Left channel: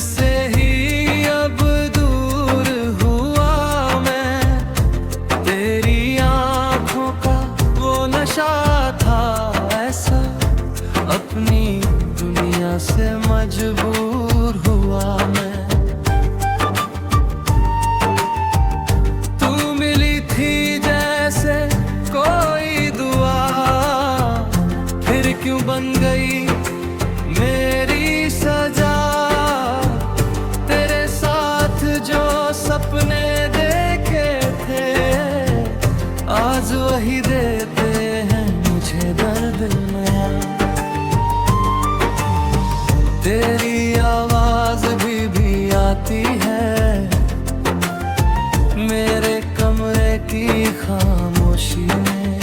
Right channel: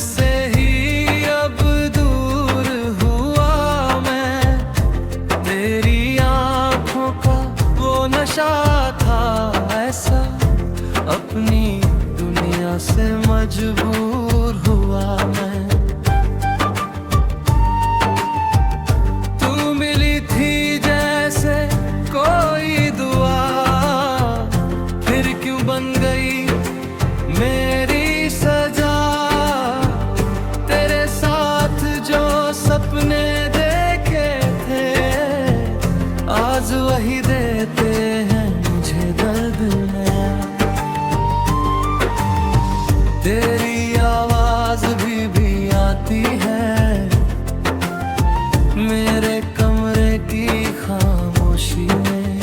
से ही अब दूर हुआ मैं। तेरी आंखों का वो नशा था ऐसा, अपनी दुनिया से मजबूर हुआ मैं। तू मिली थी जैसे कोई दुआ, फिर क्यों बन गई मेरी सजा। तेरे साथ जो सपने देखे थे, आज वही देते हैं मुझे दर्द नया। तेरी आवाज भी आती है मेरे कमरे की खामोशी में।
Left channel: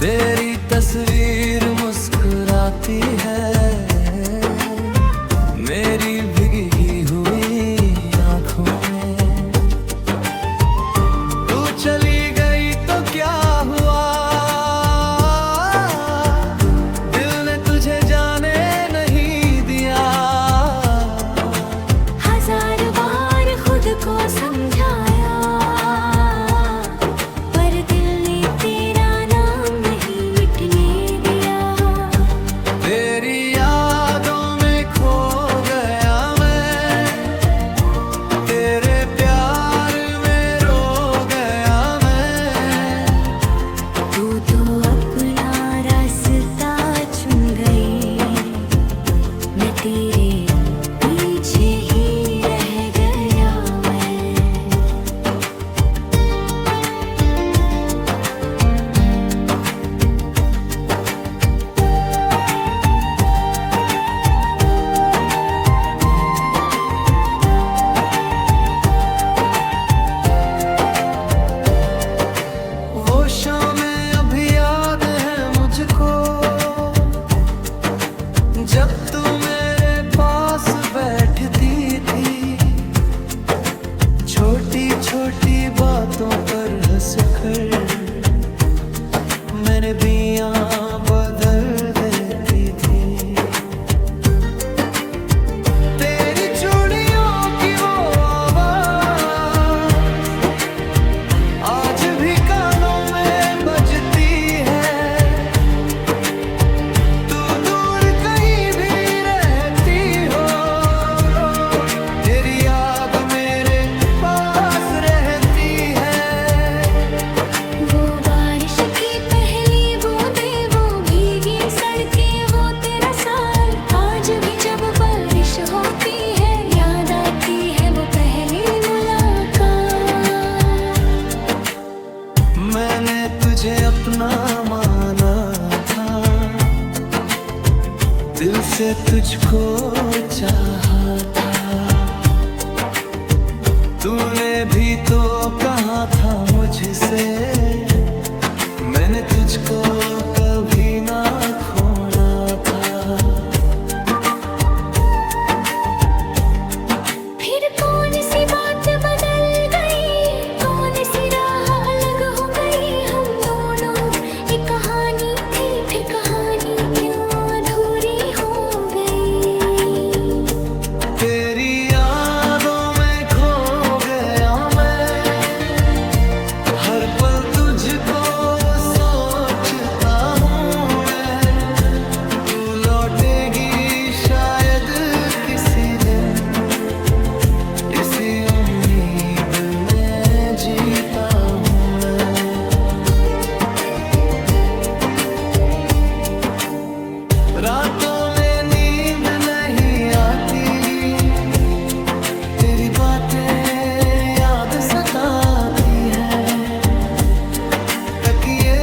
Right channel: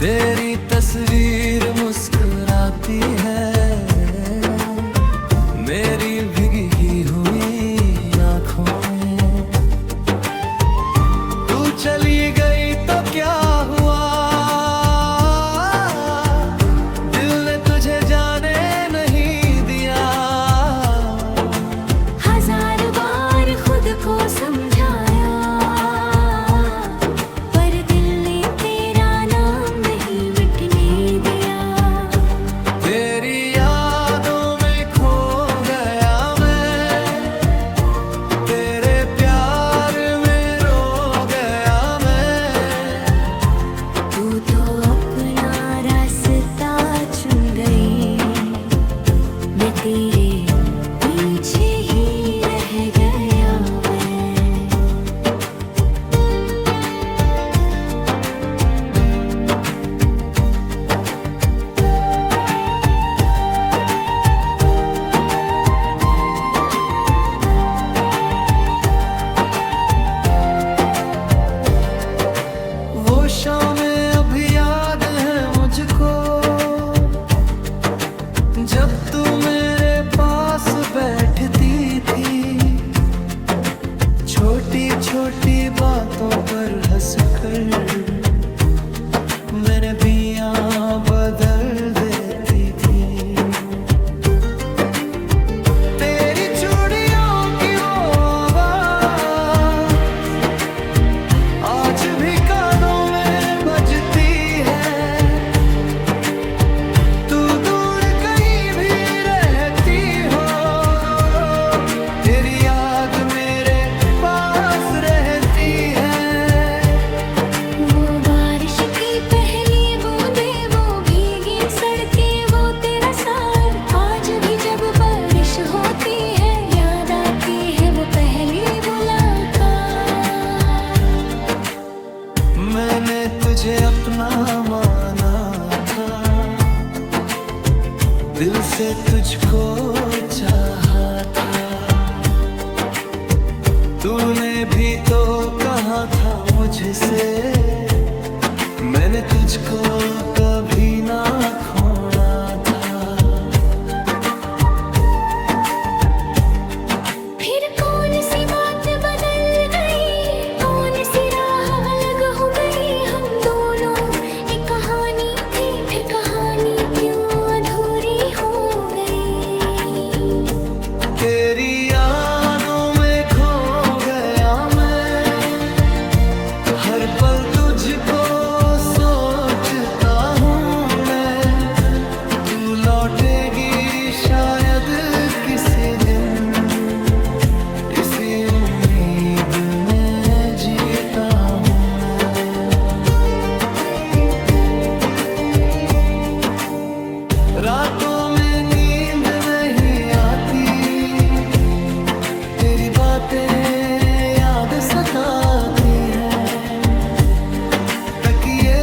तेरी तस्वीर मुस्कुराती है मेरी भीगी हुई आंखों में। तू चली गई तो क्या हुआ, दिल ने तुझे जाने नहीं दिया। हजार बार खुद को समझाया, पर दिल ने तेरा नाम नहीं मिटने दिया। तेरी यादों में खो गया मैं, तेरे प्यार में रो गया मैं। तू तो अपना रास्ता चुन गई, मैं तेरे पीछे ही रह गया मैं। वो शामें अभी याद है मुझको, जब तू मेरे पास बैठती थी। छोटी छोटी बातों पर हंसकर मैंने बियां बदल देती थी। तेरी चूड़ियों की वो आवाज आज भी कानों में बजती है। तू दूर कहीं भी रहती हो, तेरी याद मेरे पास रहती है। वो बारिश की पहली बूंदे, वो भीगी सड़कें, वो तेरा साथ। आज भी जब बारिश होती है, याद आती है वो पहली मुलाकात। मैंने तुझे अपना माना था, दिल से तुझको चाहा था। तूने भी तो कहा था मुझसे, मैंने तुझको कभी ना खोना था। फिर कौन सी बात बदल गई, कौन सी राह अलग हो गई। हम दोनों एक कहानी थी, फिर कहानी क्यों अधूरी हो गई। तेरी यादों में खो गया मैं, हर पल तुझको सोचता हूँ मैं। तू लौटेगी शायद किसी दिन, इसी उम्मीद में जीता हूँ मैं। रातों में नींद नहीं आती, तेरी बातें याद सताती हैं। तकिए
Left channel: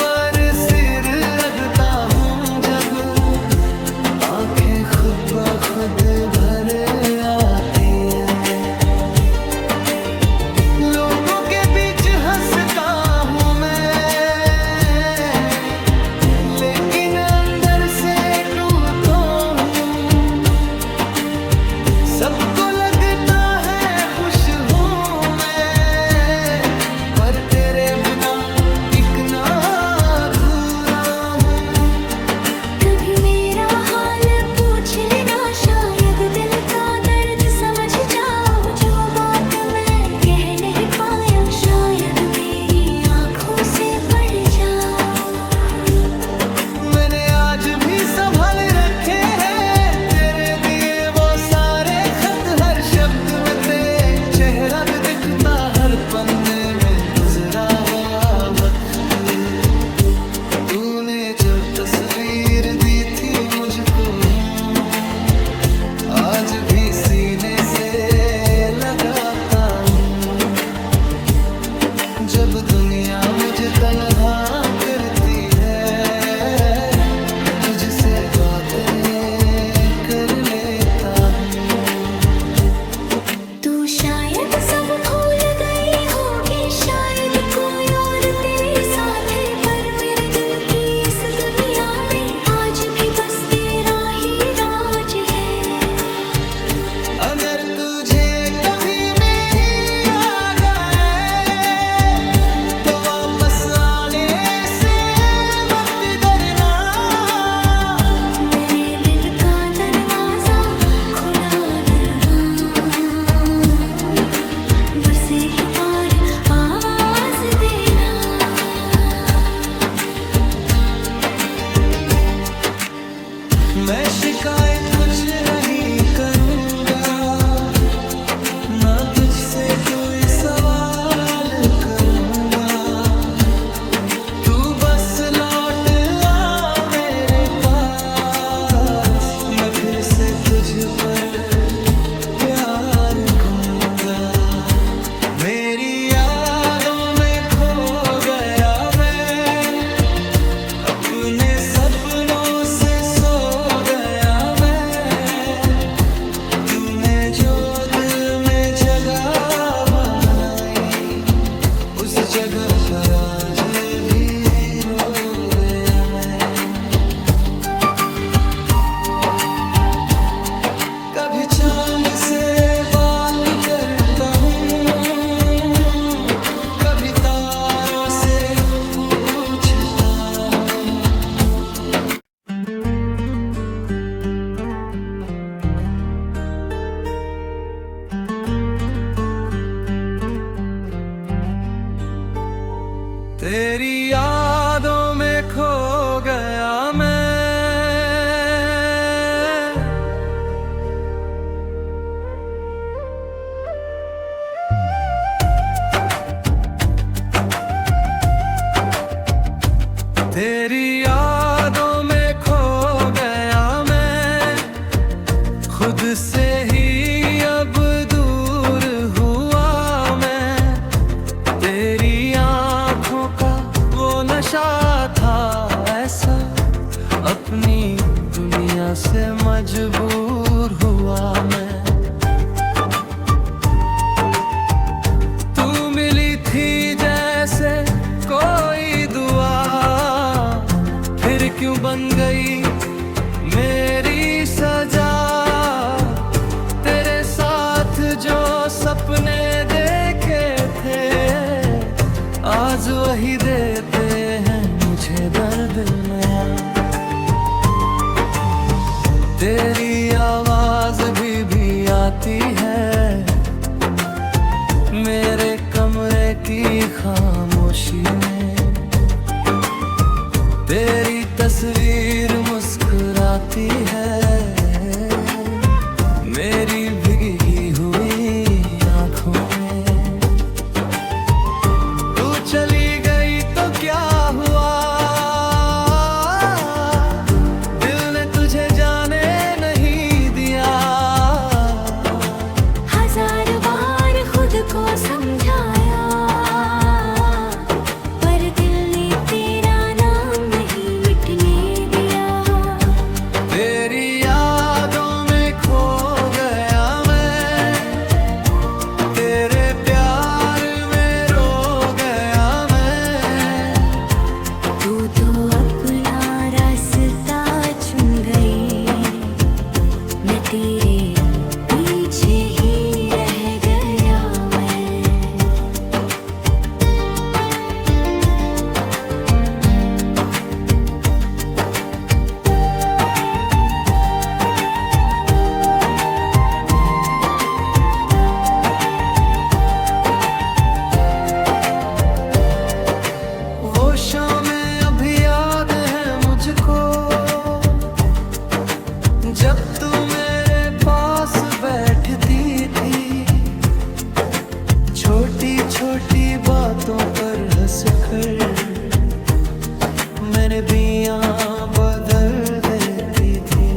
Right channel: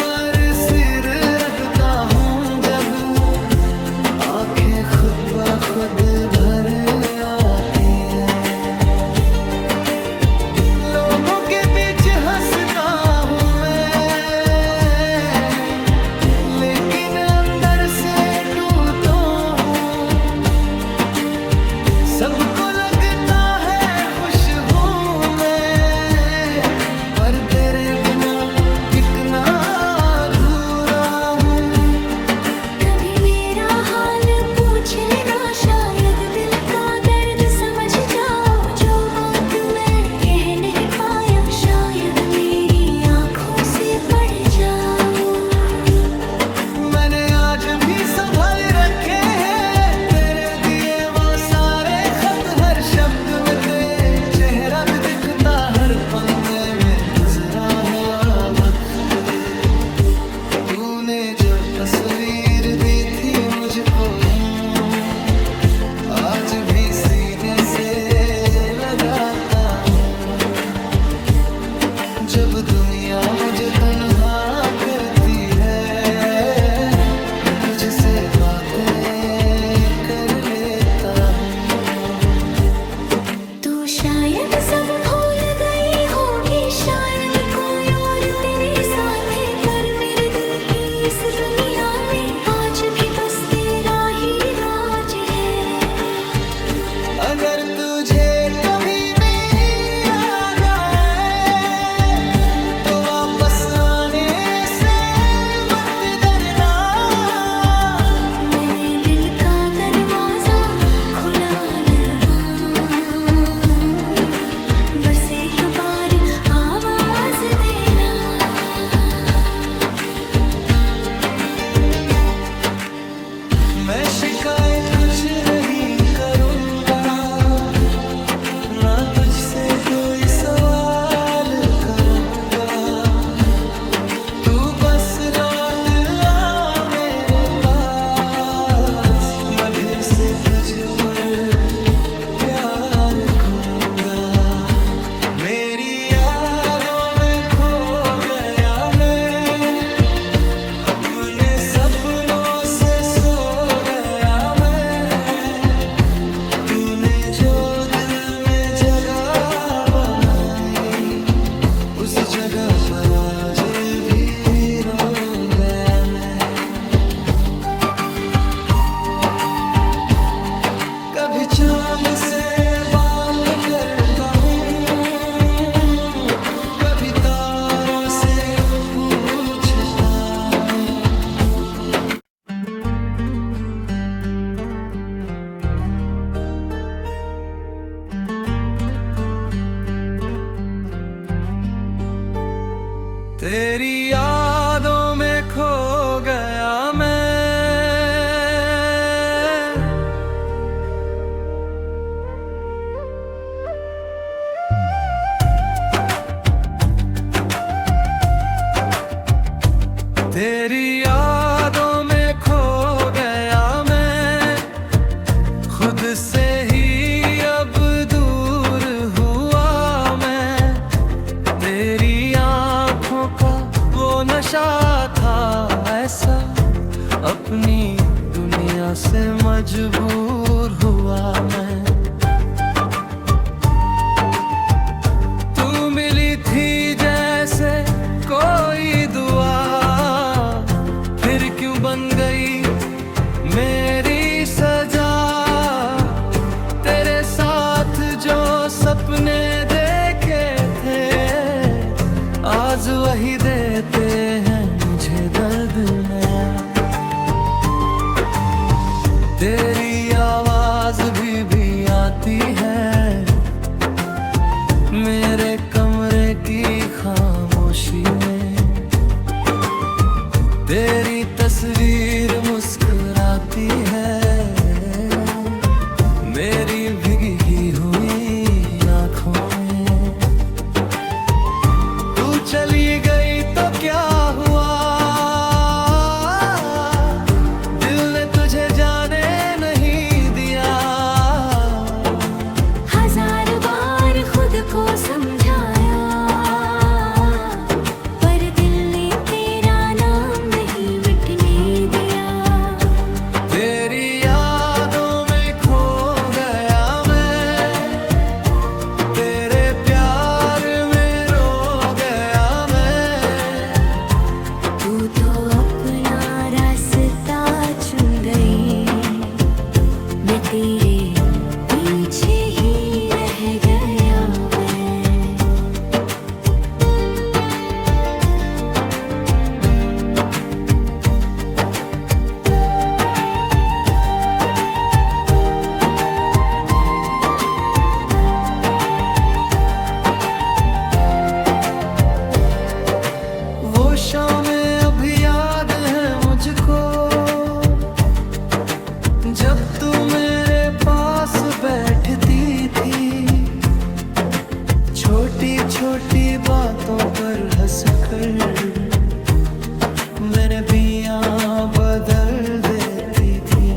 पर सिर रगता हूँ जब आंखें खुद ब खुद भर आती है। लोगों के बीच हंसता हूँ मैं, लेकिन अंदर से टूटा हूँ। सबको लगता है खुश हूँ मैं, पर तेरे बिना टिकना अधूरा हूँ। कभी मेरा हाल पूछ लेना, शायद आज भी संभाल रखे हैं तेरे दिए वो सारे खत, हर शब्द में तेरे चेहरा भी दिखता, हर पन्ने में गुजरा हुआ वक्त। तूने जो तस्वीर दी थी मुझको, आज भी सीने से लगाता हूँ। जब दुनिया मुझे तन्हा करती है, मैं तुझसे बातें कर लेता हूँ। तू शायद सब भूल गई होगी, शायद कोई और तेरे साथ है, पर मेरे दिल की इस दुनिया में आज भी बस तेरा ही राज है। अगर तुझे कभी मेरी याद आए तो वापस आने से मत डरना। मैंने दिल का दरवाजा खुला लगा, बस एक बार आवाज देना। मैं शिकायत कुछ नहीं करूँगा, ना तुझसे कोई सवाल करूँगा। तू बस लौट आ मेरे पास, मैं फिर से तुझ पर प्यार घूमूंगा। मेरी यादों में खो गया मैं, अपने सपनों से सो गया मैं। तूने जो दिल में जगह बनाई, उस जगह पर आज भी रो गया मैं। कभी चांद से बात करता हूँ, कभी तारों से पूछता हूँ। तेरी यादों में खो गया मैं, तेरी यादों में खो गया मैं। खुद से ही अब दूर हुआ मैं, तेरी आँखों का वो नशा था ऐसा, अपनी दुनिया से मजबूर हुआ मैं। तू मिली थी जैसे कोई दुआ, फिर क्यों बन गई मेरी सजा। तेरे साथ जो सपने देखे थे, आज वही देते हैं मुझे दर्द नया। तेरी आवाज भी आती है मेरे कमरे की खामोशी में। तेरी तस्वीर मुस्कुराती है मेरी भीगी हुई आँखों में। तू चली गई तो क्या हुआ, दिल ने तुझे जाने नहीं दिया। हजार बार खुद को समझाया, पर दिल ने तेरा नाम नहीं मिटने दिया। तेरी यादों में खो गया मैं, तेरे प्यार में रो गया मैं। तू तो अपना रास्ता चुन गई, मैं तेरे पीछे ही रह गया मैं। वो शामें अभी याद है मुझको, जब तू मेरे पास बैठती थी, छोटी छोटी बातों पर हंसकर मैंने बियां बदल देती थी।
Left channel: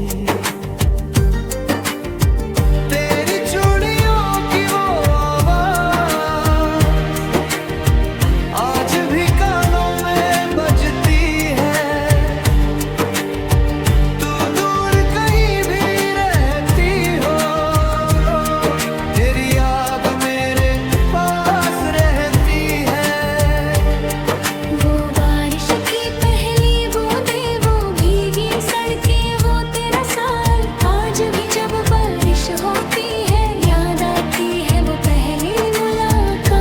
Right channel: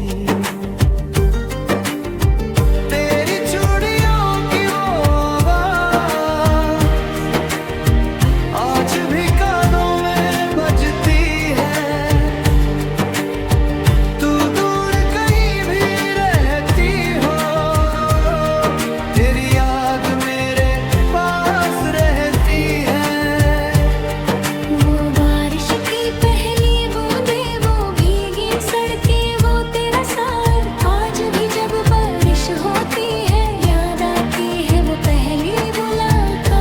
तेरी चूड़ियों की वो आवाज आज भी कानों में बजती है। तू दूर कहीं भी रहती हो, तेरी याद मेरे पास रहती है। वो बारिश की पहली बूंदे, वो भीगी सड़कें, वो तेरा साल। आज भी जब बारिश होती है, याद आती है वो पहली मुलाकात।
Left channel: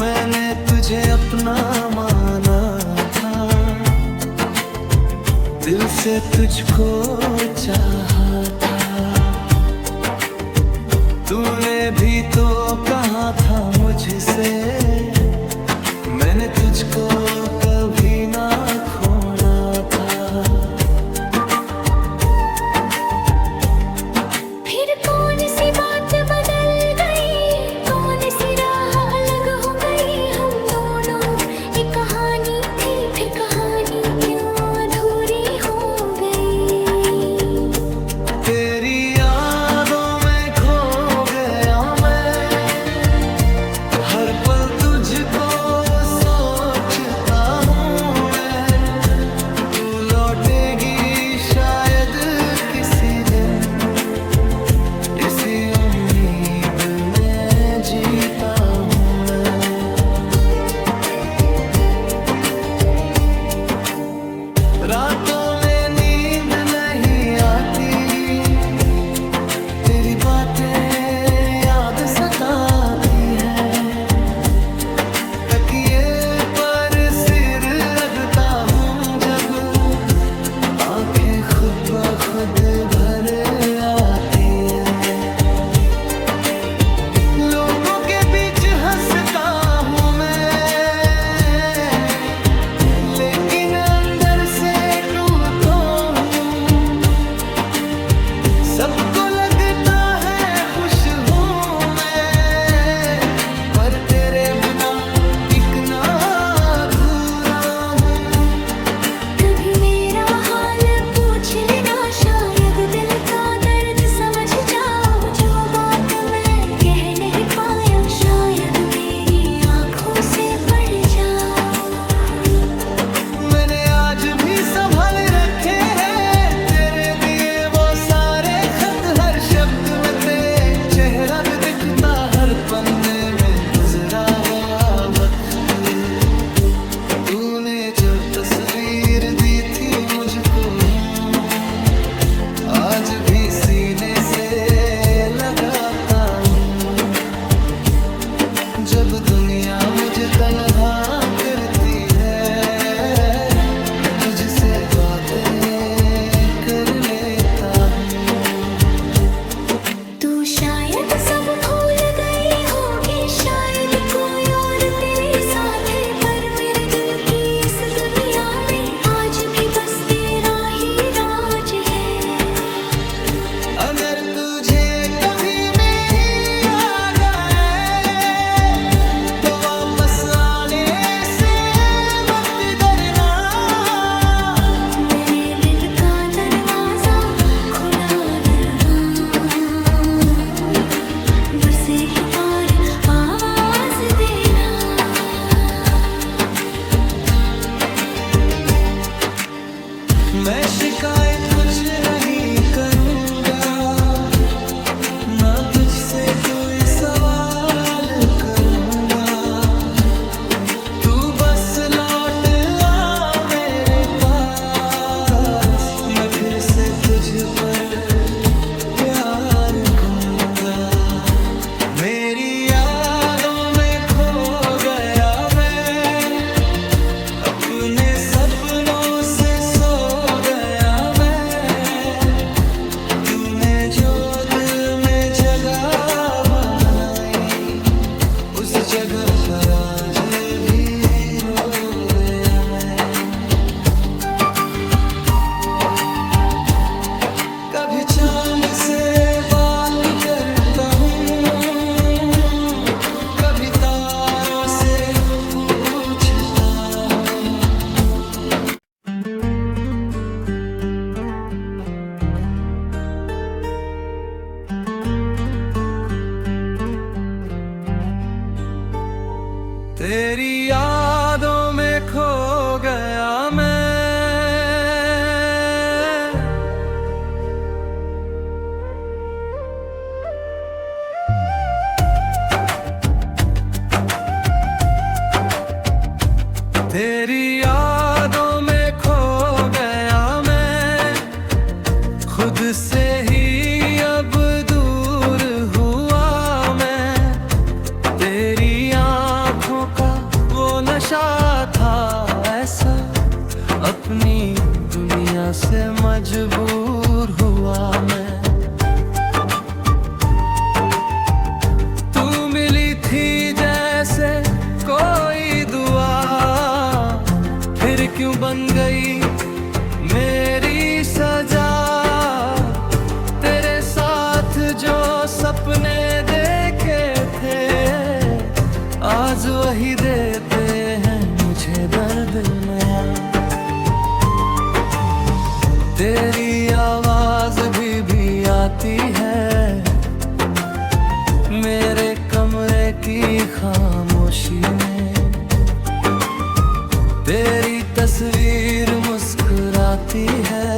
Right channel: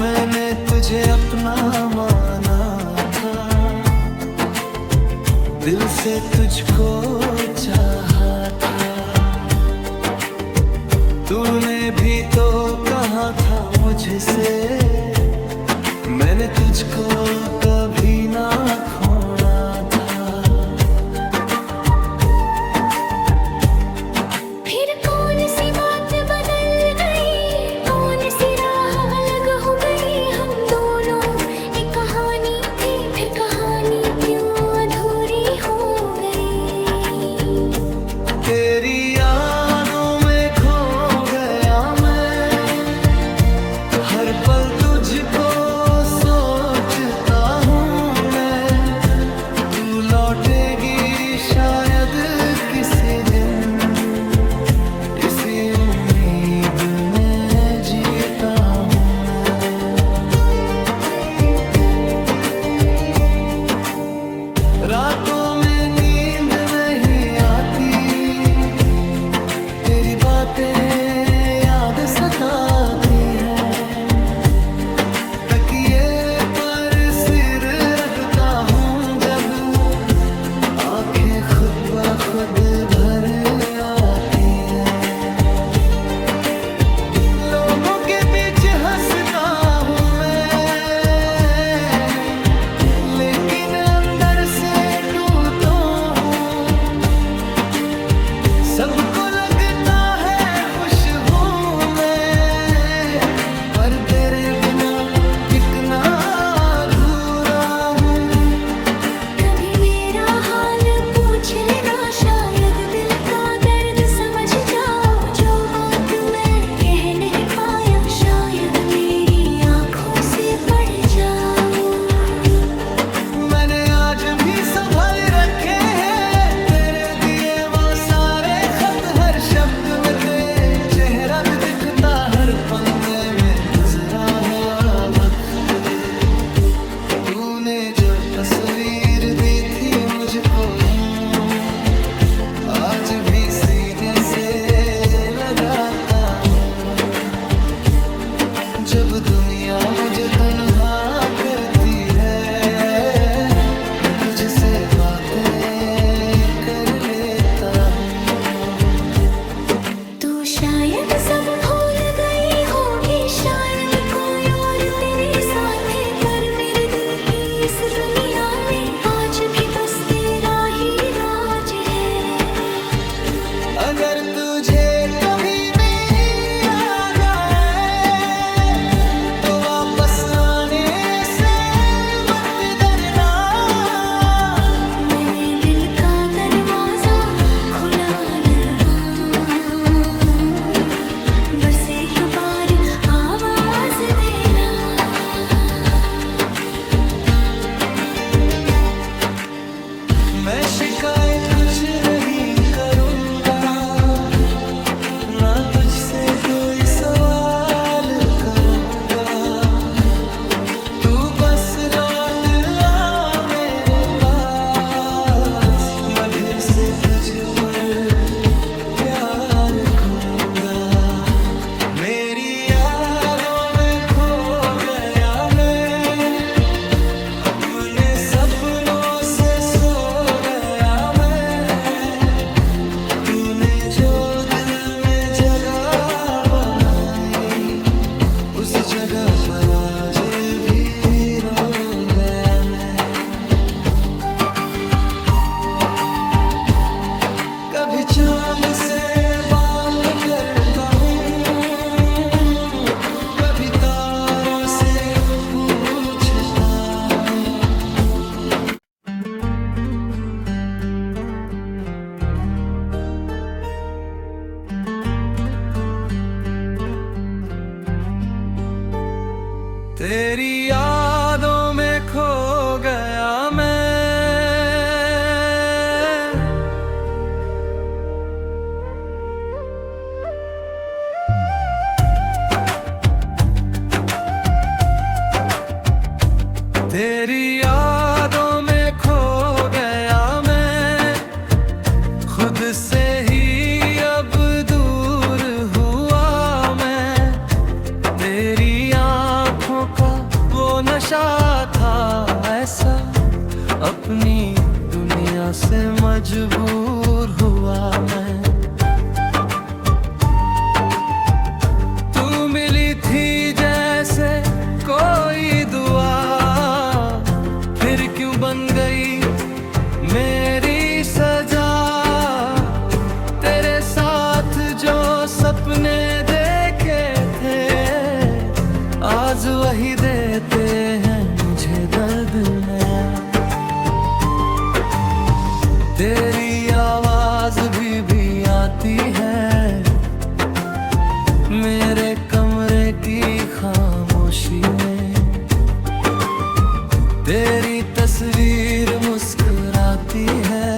मैंने तुझे अपना माना था, दिल से तुझको चाहा था। तूने भी तो कहा था मुझसे, मैंने तुझको कभी ना खोना था। फिर कौन सी बात बदल गई, कौन सी राह अलग हो गई। हम दोनों एक कहानी थी, फिर कहानी क्यों अधूरी हो गई। तेरी यादों में खो गया मैं, हर पल तुझको सोचता हूँ मैं। तू लौटेगी शायद किसी दिन, इसी उम्मीद में जीता हूँ मैं। रातों में नींद नहीं आती, तेरी बातें याद सताती है। तकिए पर सिर रखता हूँ जब, आंखें खुद ब खुद भर आती है। लोगों के बीच हंसता हूँ मैं, लेकिन अंदर से टूटा हूँ। सबको लगता है खुश हूँ मैं, पर तेरे बिना टिकना अधूरा हूँ। कभी मेरा हाल पूछ लेना, शायद दिल का दर्द समझ जाओ। जो बात मैं कह नहीं पाया, शायद मेरी आंखों से पढ़ जाओ। मैंने आज भी संभाल रखे हैं तेरे दिए वो सारे खत, हर शब्द में तेरे चेहरा भी दिखता, हर पन्ने में गुजरा हुआ वक्त। तूने जो तस्वीर दी थी मुझको, आज भी सीने से लगाता हूँ। जब दुनिया मुझे तन्हा करती है, मैं तुझसे बातें कर लेता हूँ। तू शायद सब भूल गई होगी, शायद कोई और तेरे साथ है, पर मेरे दिल की इस दुनिया में आज भी बस तेरा ही राज है। अगर तुझे कभी मेरी याद आए, तो वापस आने से मत डरना। मैंने दिल का दरवाजा खुला लगा, बस एक बार आवाज देना। मैं शिकायत कुछ नहीं करूँगा, ना तुझसे कोई सवाल करूँगा। तू बस लौट आ मेरे पास, मैं फिर से तुझ पर प्यार घूमूंगा। मेरी यादों में खो गया मैं, अपने सपनों से सो गया मैं। तूने जो दिल में जगह बनाई, उस जगह पर आज भी रो गया मैं। कभी चांद से बात करता हूँ, कभी तारों से पूछता हूँ। तेरी यादों में खो गया मैं, तेरी यादों में खो गया मैं, खुद से ही अब दूर हुआ मैं। तेरी आँखों का वो नशा था ऐसा, अपनी दुनिया से मजबूर हुआ मैं। तू मिली थी जैसे कोई दुआ, फिर क्यों बन गई मेरी सजा। तेरे साथ जो सपने देखे थे, आज वही देते हैं मुझे दर्द नया। तेरी आवाज भी आती है मेरे कमरे की खामोशी में। तेरी तस्वीर मुस्कुराती है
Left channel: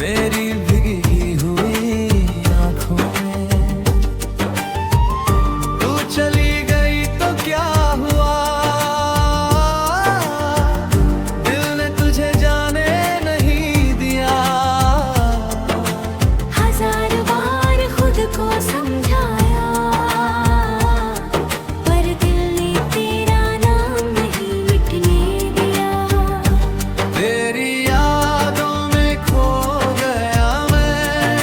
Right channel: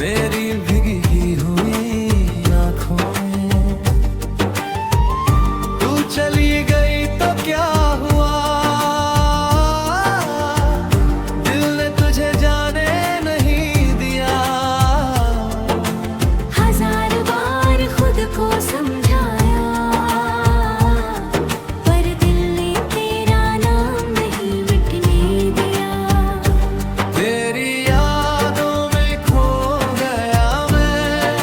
मेरी भीगी हुई आँखों में। तू चली गई तो क्या हुआ, दिल ने तुझे जाने नहीं दिया। हजार बार खुद को समझाया, पर दिल ने तेरा नाम नहीं मिटने दिया। तेरी यादों में खो गया मैं,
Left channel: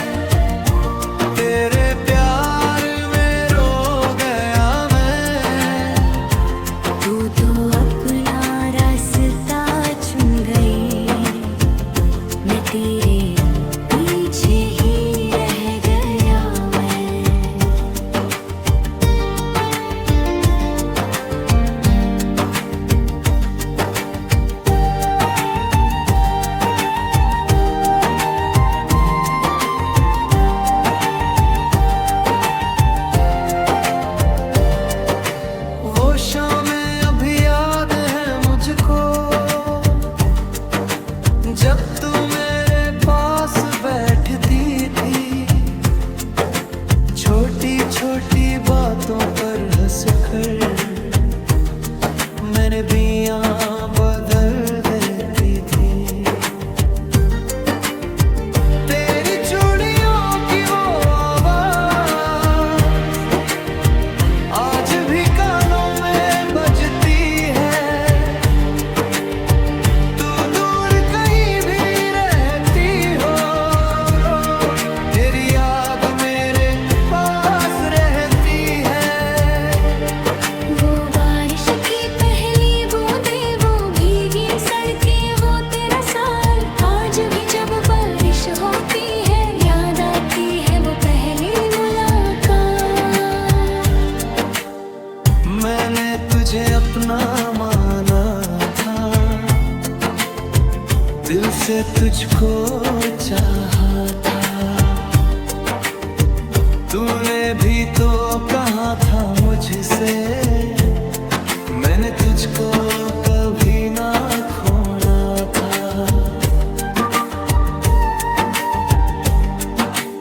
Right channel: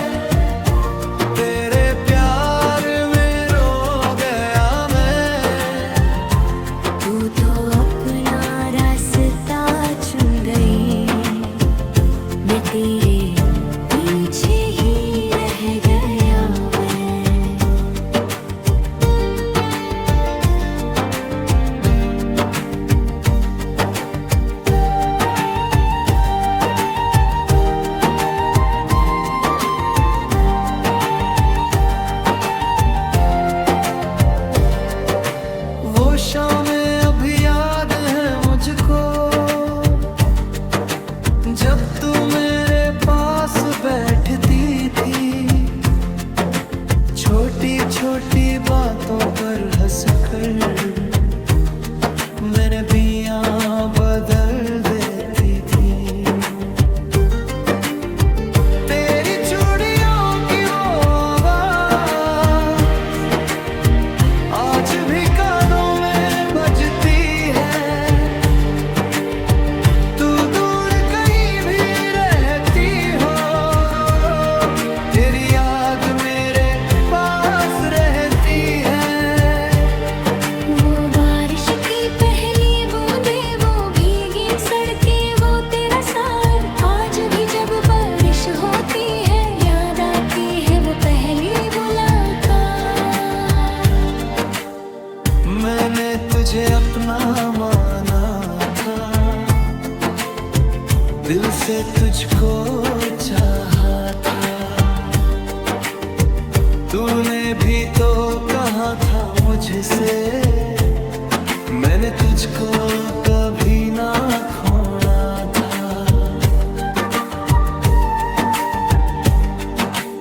तेरे प्यार में रो गया मैं। तू तो अपना रास्ता चुन गई, मैं तेरे पीछे ही रह गया मैं। वो शामें अभी याद है मुझको, जब तू मेरे पास बैठती थी। छोटी छोटी बातों पर हंसकर मैंने बियां बदल देती थी। तेरी चूड़ियों की वो आवाज आज भी कानों में बजती है। तू दूर कहीं भी रहती हो, तेरी याद मेरे पास रहती है। वो बारिश की पहली बूंदे, वो भीगी सड़कें, वो तेरा साथ। आज भी जब बारिश होती है, याद आती है वो पहली मुलाकात। मैंने तुझे अपना माना था, दिल से तुझको चाहा था। तूने भी तो कहा था मुझसे, मैंने तुझको कभी ना खोना था।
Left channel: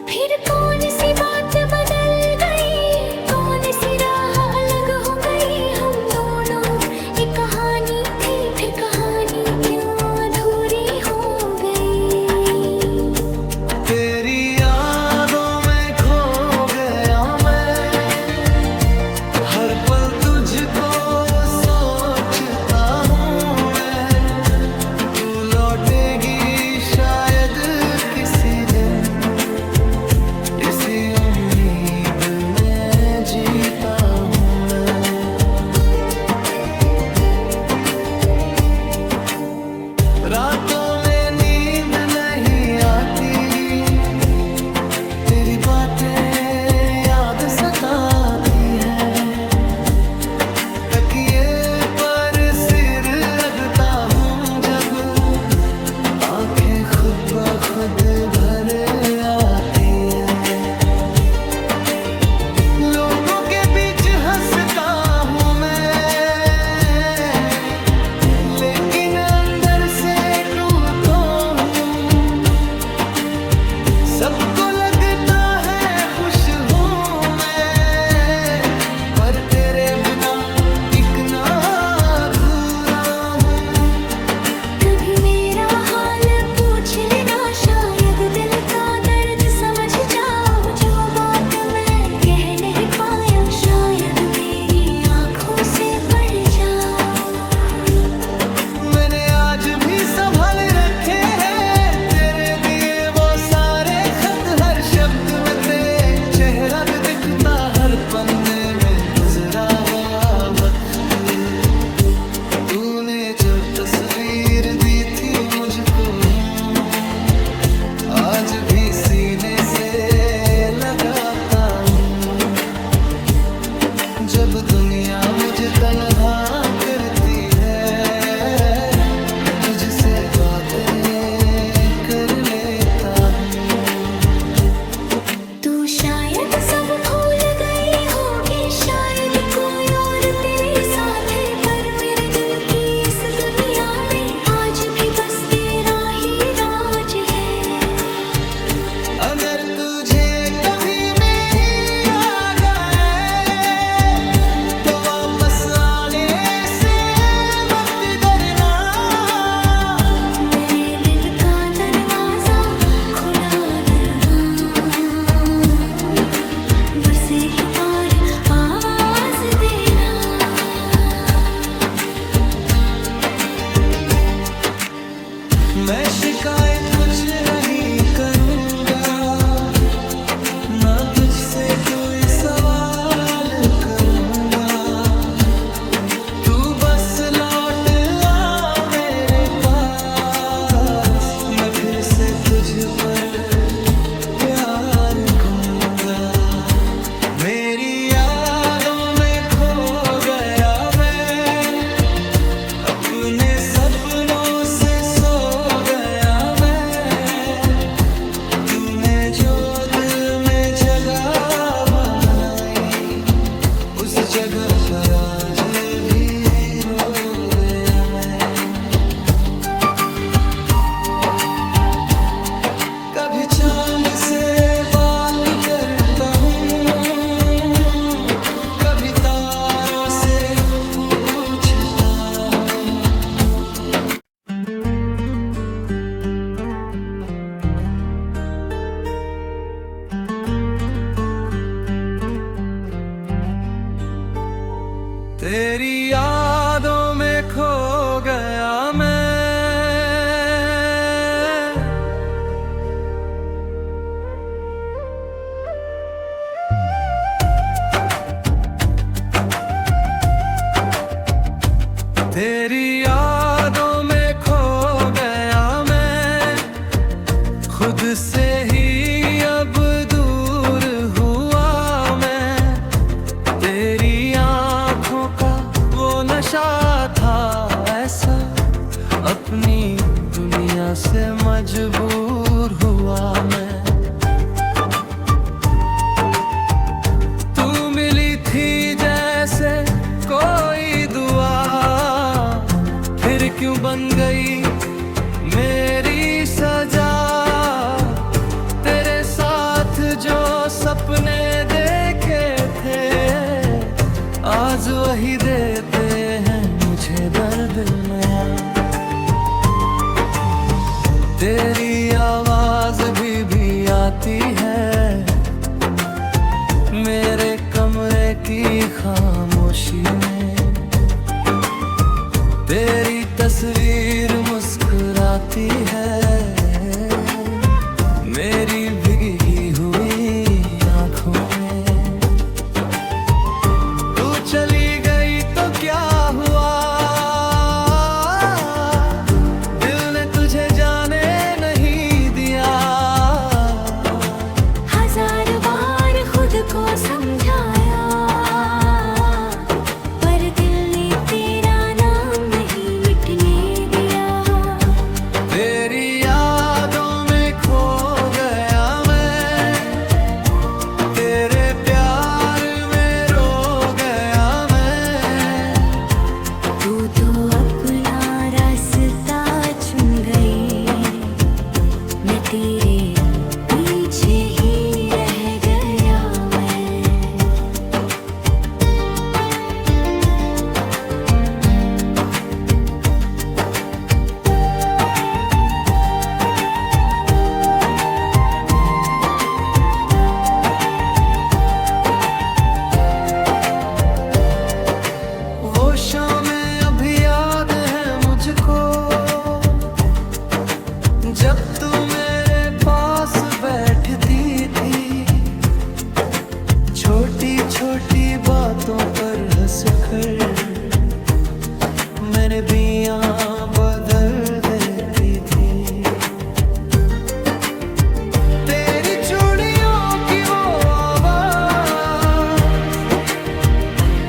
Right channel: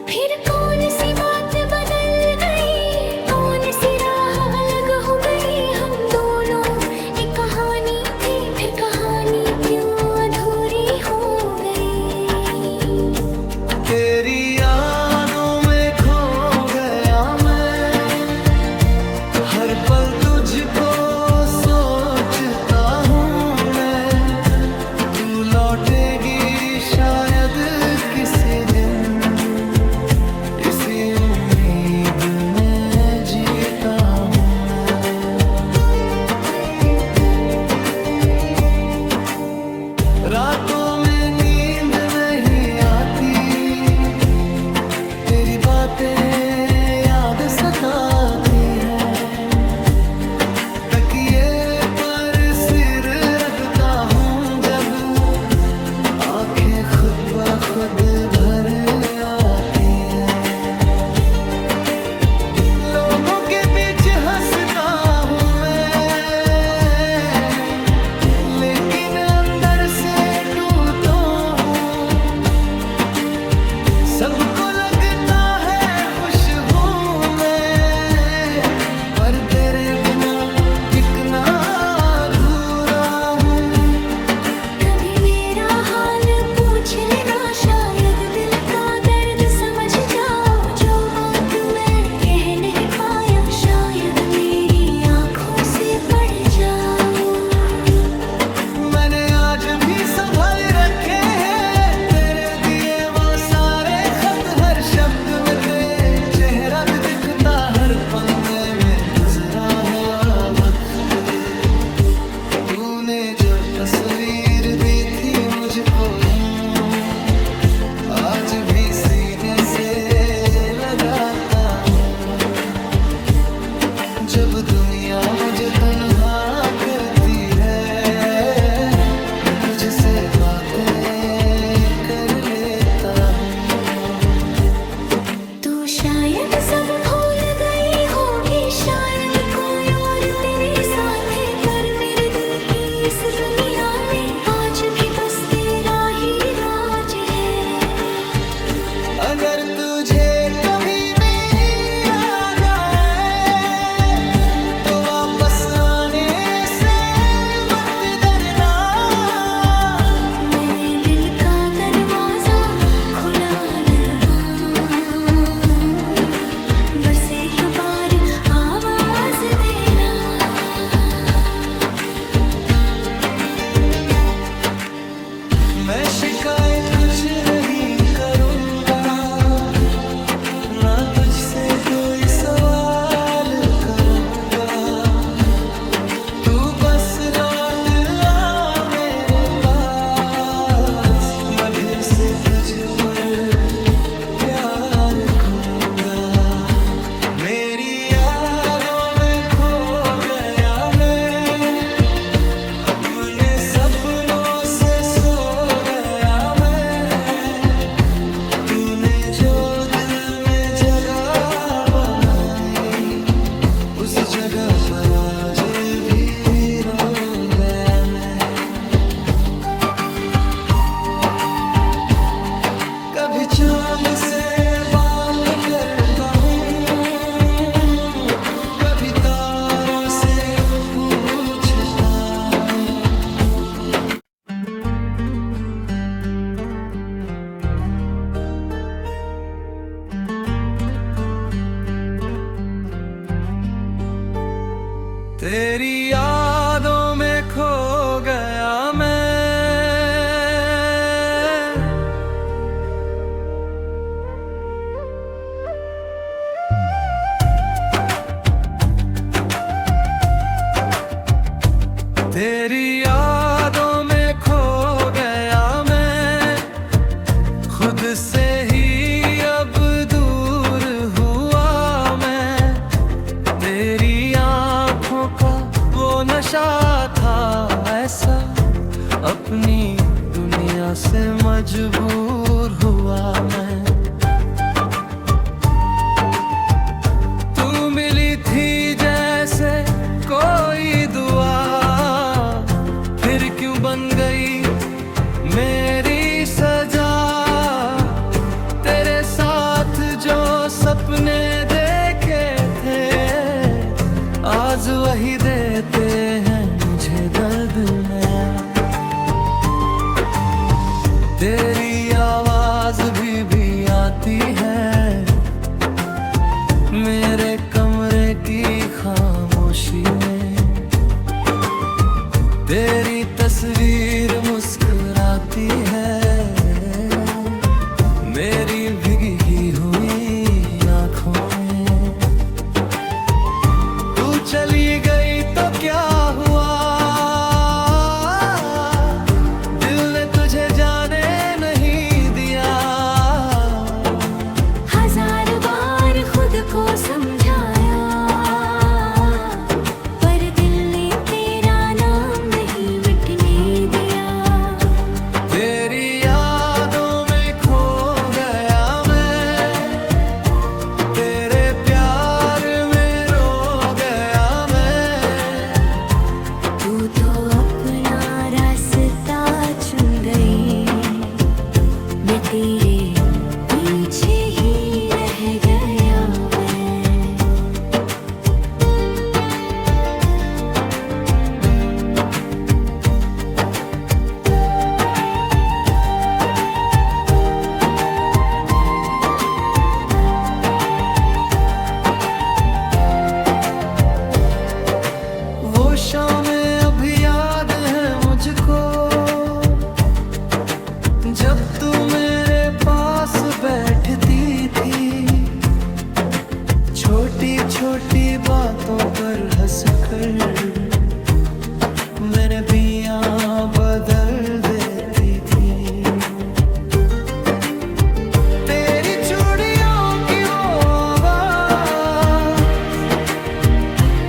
फिर कौन सी बात बदल गई, कौन सी राह अलग हो गई। हम दोनों एक कहानी थी, फिर कहानी क्यों अधूरी हो गई। तेरी यादों में खो गया मैं, हर पल तुझको सोचता हूँ मैं। तू लौटेगी शायद किसी दिन, इसी उम्मीद में जीता हूँ मैं। रातों में नींद नहीं आती, बातें याद सताती है, तकिए पर सिर रगता हूँ जब आंखें खुद ब खुद भर आती है। लोगों के बीच हंसता हूँ मैं, लेकिन अंदर से टूटा हूँ। सबको लगता है खुश हूँ मैं, पर तेरे बिना टिकना अधूरा हूँ। कभी मेरा हाल पूछ लेना, शायद दिल का दर्द समझ जाओ। जो बात मैं कह नहीं पाया, शायद मेरी आंखों से पढ़ जाओ। मैंने आज भी संभाल रखे हैं तेरे दिए वो सारे खत, हर शब्द में तेरे चेहरा भी दिखता, हर पन्ने में गुजरा हुआ वक्त। तूने जो तस्वीर दी थी मुझको, आज भी सीने से लगाता हूँ। जब दुनिया मुझे तन्हा करती है, मैं तुझसे बातें कर लेता हूँ। तू शायद सब भूल गई होगी, शायद कोई और तेरे साथ है, पर मेरे दिल की इस दुनिया में आज भी बस तेरा ही राज है। अगर तुझे कभी मेरी याद आए, तो वापस आने से मत डरना। मैंने दिल का दरवाजा खुला लगा, बस एक बार आवाज देना। मैं शिकायत कुछ नहीं करूँगा, ना तुझसे कोई सवाल करूँगा। तू बस लौट आ मेरे पास, मैं फिर से तुझ पर प्यार घूमूंगा। मेरी यादों में खो गया मैं, अपने सपनों से सो गया मैं। तूने जो दिल में जगह बनाई, उस जगह पर आज भी रो गया मैं। कभी चांद से बात करता हूँ, कभी तारों से पूछता हूँ। तेरी यादों में खो गया मैं, तेरी यादों में खो गया मैं। खुद से ही अब दूर हुआ मैं, तेरी आँखों का वो नशा था ऐसा, अपनी दुनिया से मजबूर हुआ मैं। तू मिली थी जैसे कोई दुआ, फिर क्यों बन गई मेरी सजा। तेरे साथ जो सपने देखे थे, आज वही देते हैं मुझे दर्द नया। तेरी आवाज भी आती है मेरे कमरे की खामोशी में। तेरी तस्वीर मुस्कुराती है मेरी भीगी हुई आंखों में। तू चली गई तो क्या हुआ, दिल ने तुझे जाने नहीं दिया। हजार बार समझाया, पर दिल ने तेरा नाम नहीं मिटने दिया। तेरी यादों में खो गया मैं, तेरे प्यार में रो गया मैं। तू तो अपना रास्ता चुन गई, मैं तेरे पीछे ही रह गया मैं। वो शामें अभी याद है मुझको, जब तू मेरे पास बैठती थी। छोटी छोटी बातों पर हंसकर मैंने बियां बदल देती थी। तेरी चूड़ियों की वो आवाज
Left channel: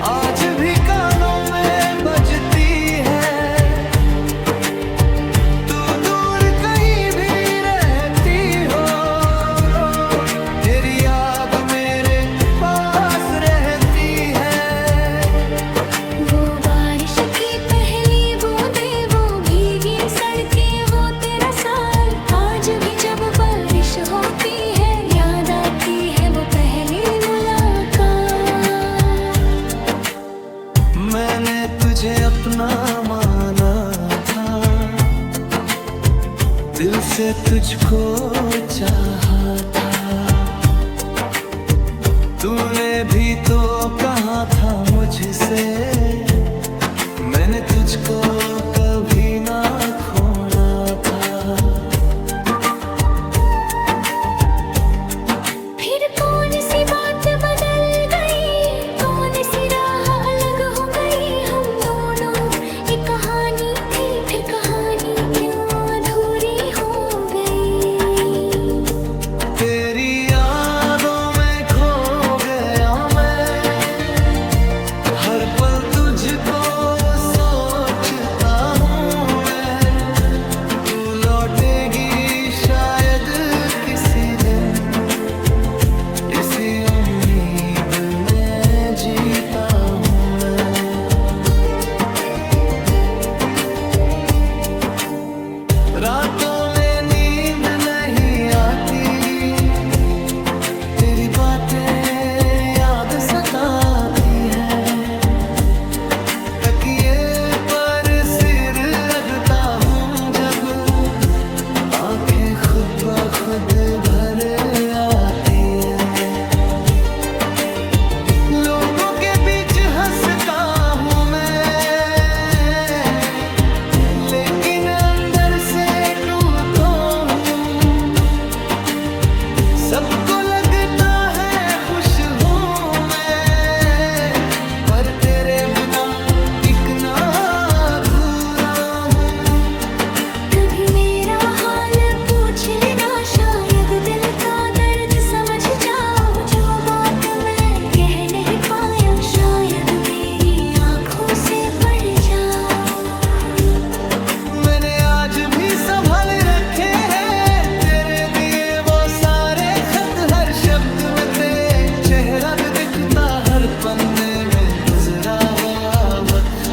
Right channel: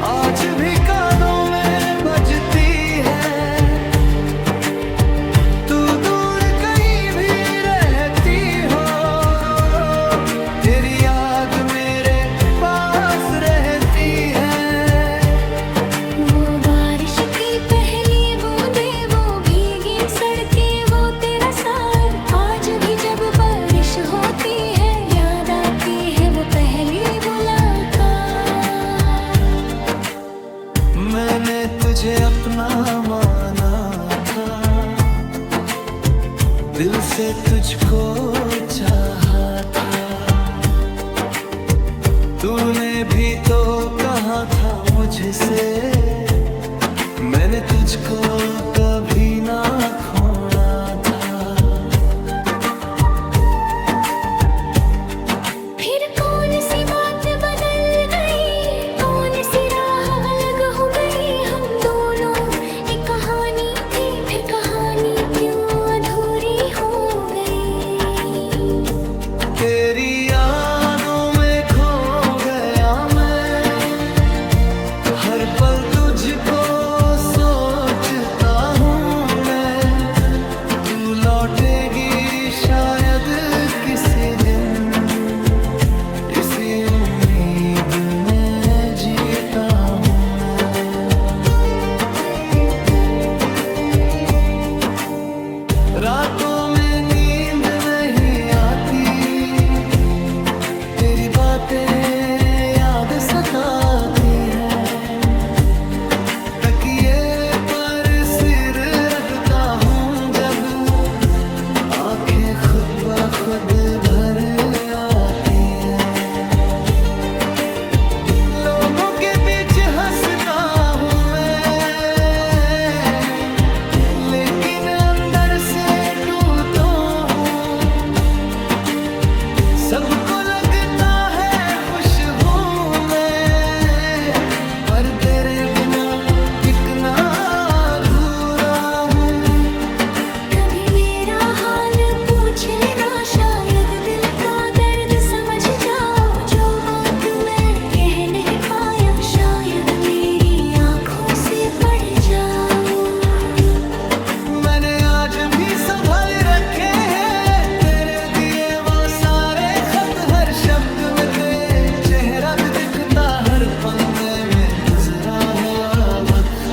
आज भी कानों में बजती है। तू दूर कहीं भी रहती हो, तेरी याद मेरे पास रहती है। वो बारिश की पहली बूंदे, वो भीगी सड़कें, वो तेरा साथ। आज भी जब बारिश होती है, याद आती है वो पहली मुलाकात। मैंने तुझे अपना माना था, दिल से तुझको चाहा था। तूने भी तो कहा था मुझसे, मैंने तुझको कभी ना खोना था। फिर कौन सी बात बदल गई, कौन सी राह अलग हो गई। हम दोनों एक कहानी थी, फिर कहानी क्यों अधूरी हो गई। तेरी यादों में खो गया मैं, हर पल तुझको सोचता हूँ मैं। तू लौटेगी शायद किसी दिन, इसी उम्मीद में जीता हूँ मैं। रातों में नींद नहीं आती, तेरी बातें याद सताती है। तकिए पर सिर रखता हूँ जब, आंखें खुद ब खुद भर आती है। लोगों के बीच हंसता हूँ मैं, लेकिन अंदर से टूटा हूँ। सबको लगता है खुश हूँ मैं, पर तेरे बिना टिकना अधूरा हूँ। कभी मेरा हाल पूछ लेना, शायद दिल का दर्द समझ जाओ। जो बात मैं कह नहीं पाया, शायद मेरी आंखों से पढ़ जाओ। मैंने आज भी संभाल रखे हैं तेरे दिए वो सारे खत, हर शब्द में तेरे चेहरा भी दिखता, हर पन्ने में गुजरा हुआ वक्त।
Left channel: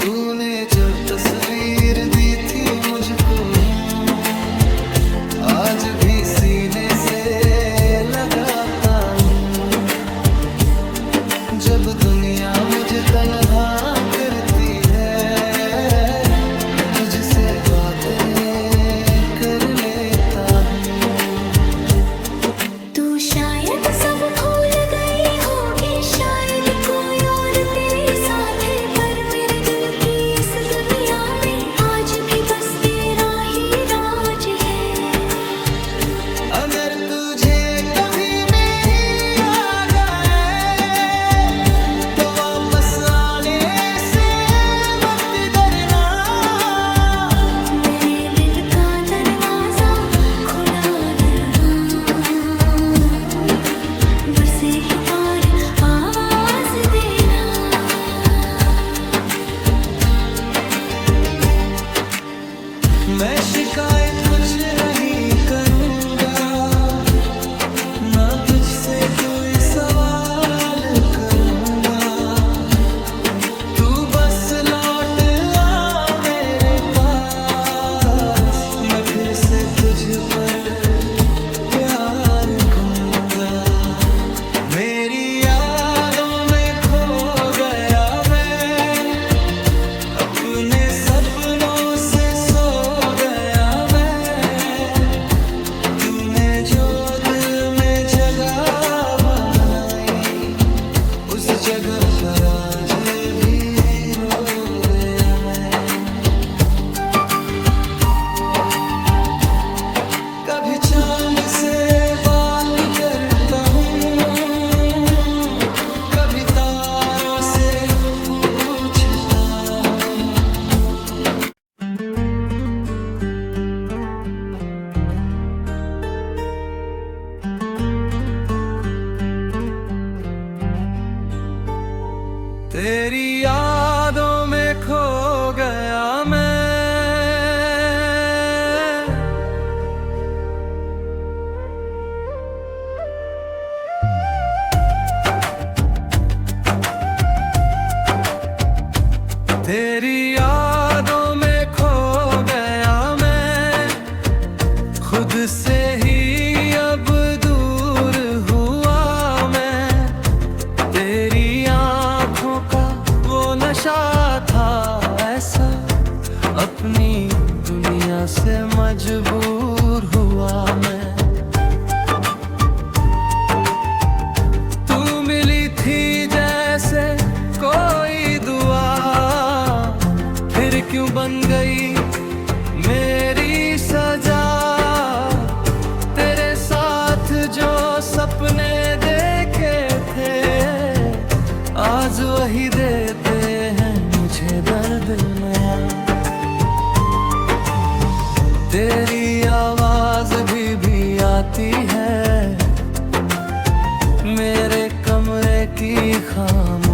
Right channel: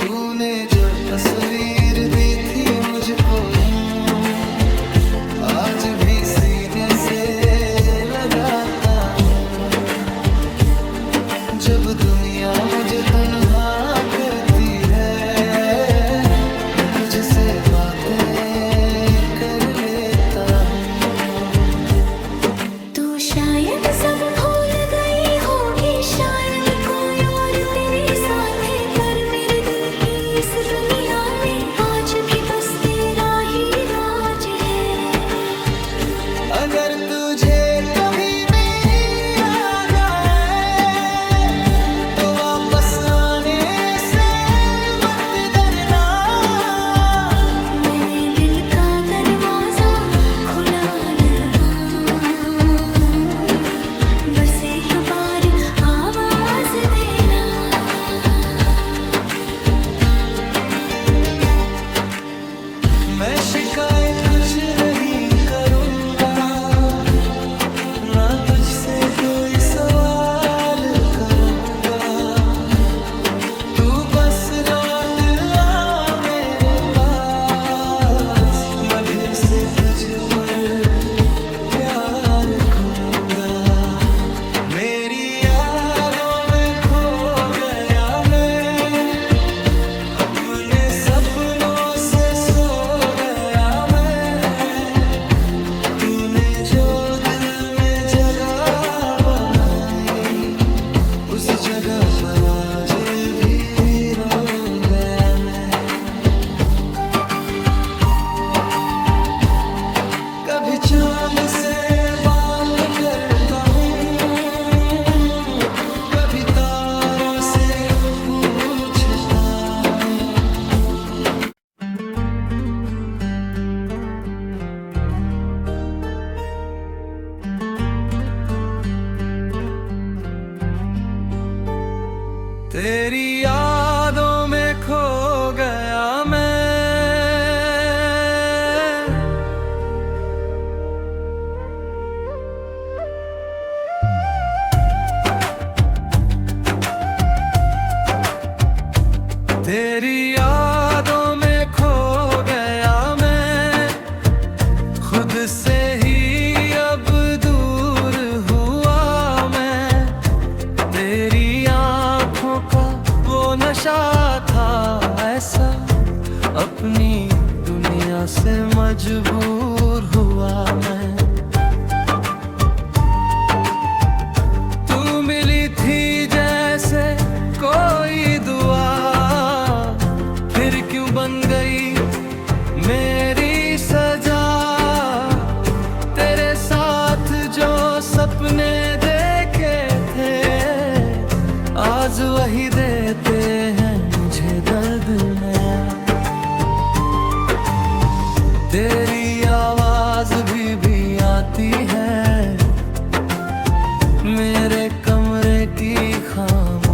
तूने जो तस्वीर दी थी मुझको, आज भी सीने से लगाता हूँ। जब दुनिया मुझे तन्हा करती है, मैं तुझसे बातें कर लेता हूँ। तू शायद सब भूल गई होगी, शायद कोई और तेरे साथ है, पर मेरे दिल की इस दुनिया में आज भी बस तेरा ही राज है। अगर तुझे कभी मेरी याद आए, तो वापस आने से मत डरना। मैंने दिल का दरवाजा खुला लगा, मैं शिकायत कुछ नहीं करूँगा, ना तुझसे कोई सवाल करूँगा। तू बस लौट आ मेरे पास, मैं फिर से तुझ पर प्यार घूमूंगा। मेरी यादों में खो गया मैं, अपने सपनों से सो गया मैं। तूने जो दिल में जगह बनाई, उस जगह पर आज भी रो गया मैं। कभी चांद से बात करता हूँ, कभी तारों से पूछता हूँ। तेरी यादों में खो गया मैं, तेरी यादों में खो गया मैं। खुद से ही अब दूर हुआ मैं, तेरी आँखों का वो नशा था ऐसा, अपनी दुनिया से मजबूर हुआ मैं। तू मिली थी जैसे कोई दुआ, फिर क्यों बन गई मेरी सजा। तेरे साथ जो सपने देखे थे, आज वही देते हैं मुझे दर्द नया। तेरी आवाज भी आती है मेरे कमरे की खाम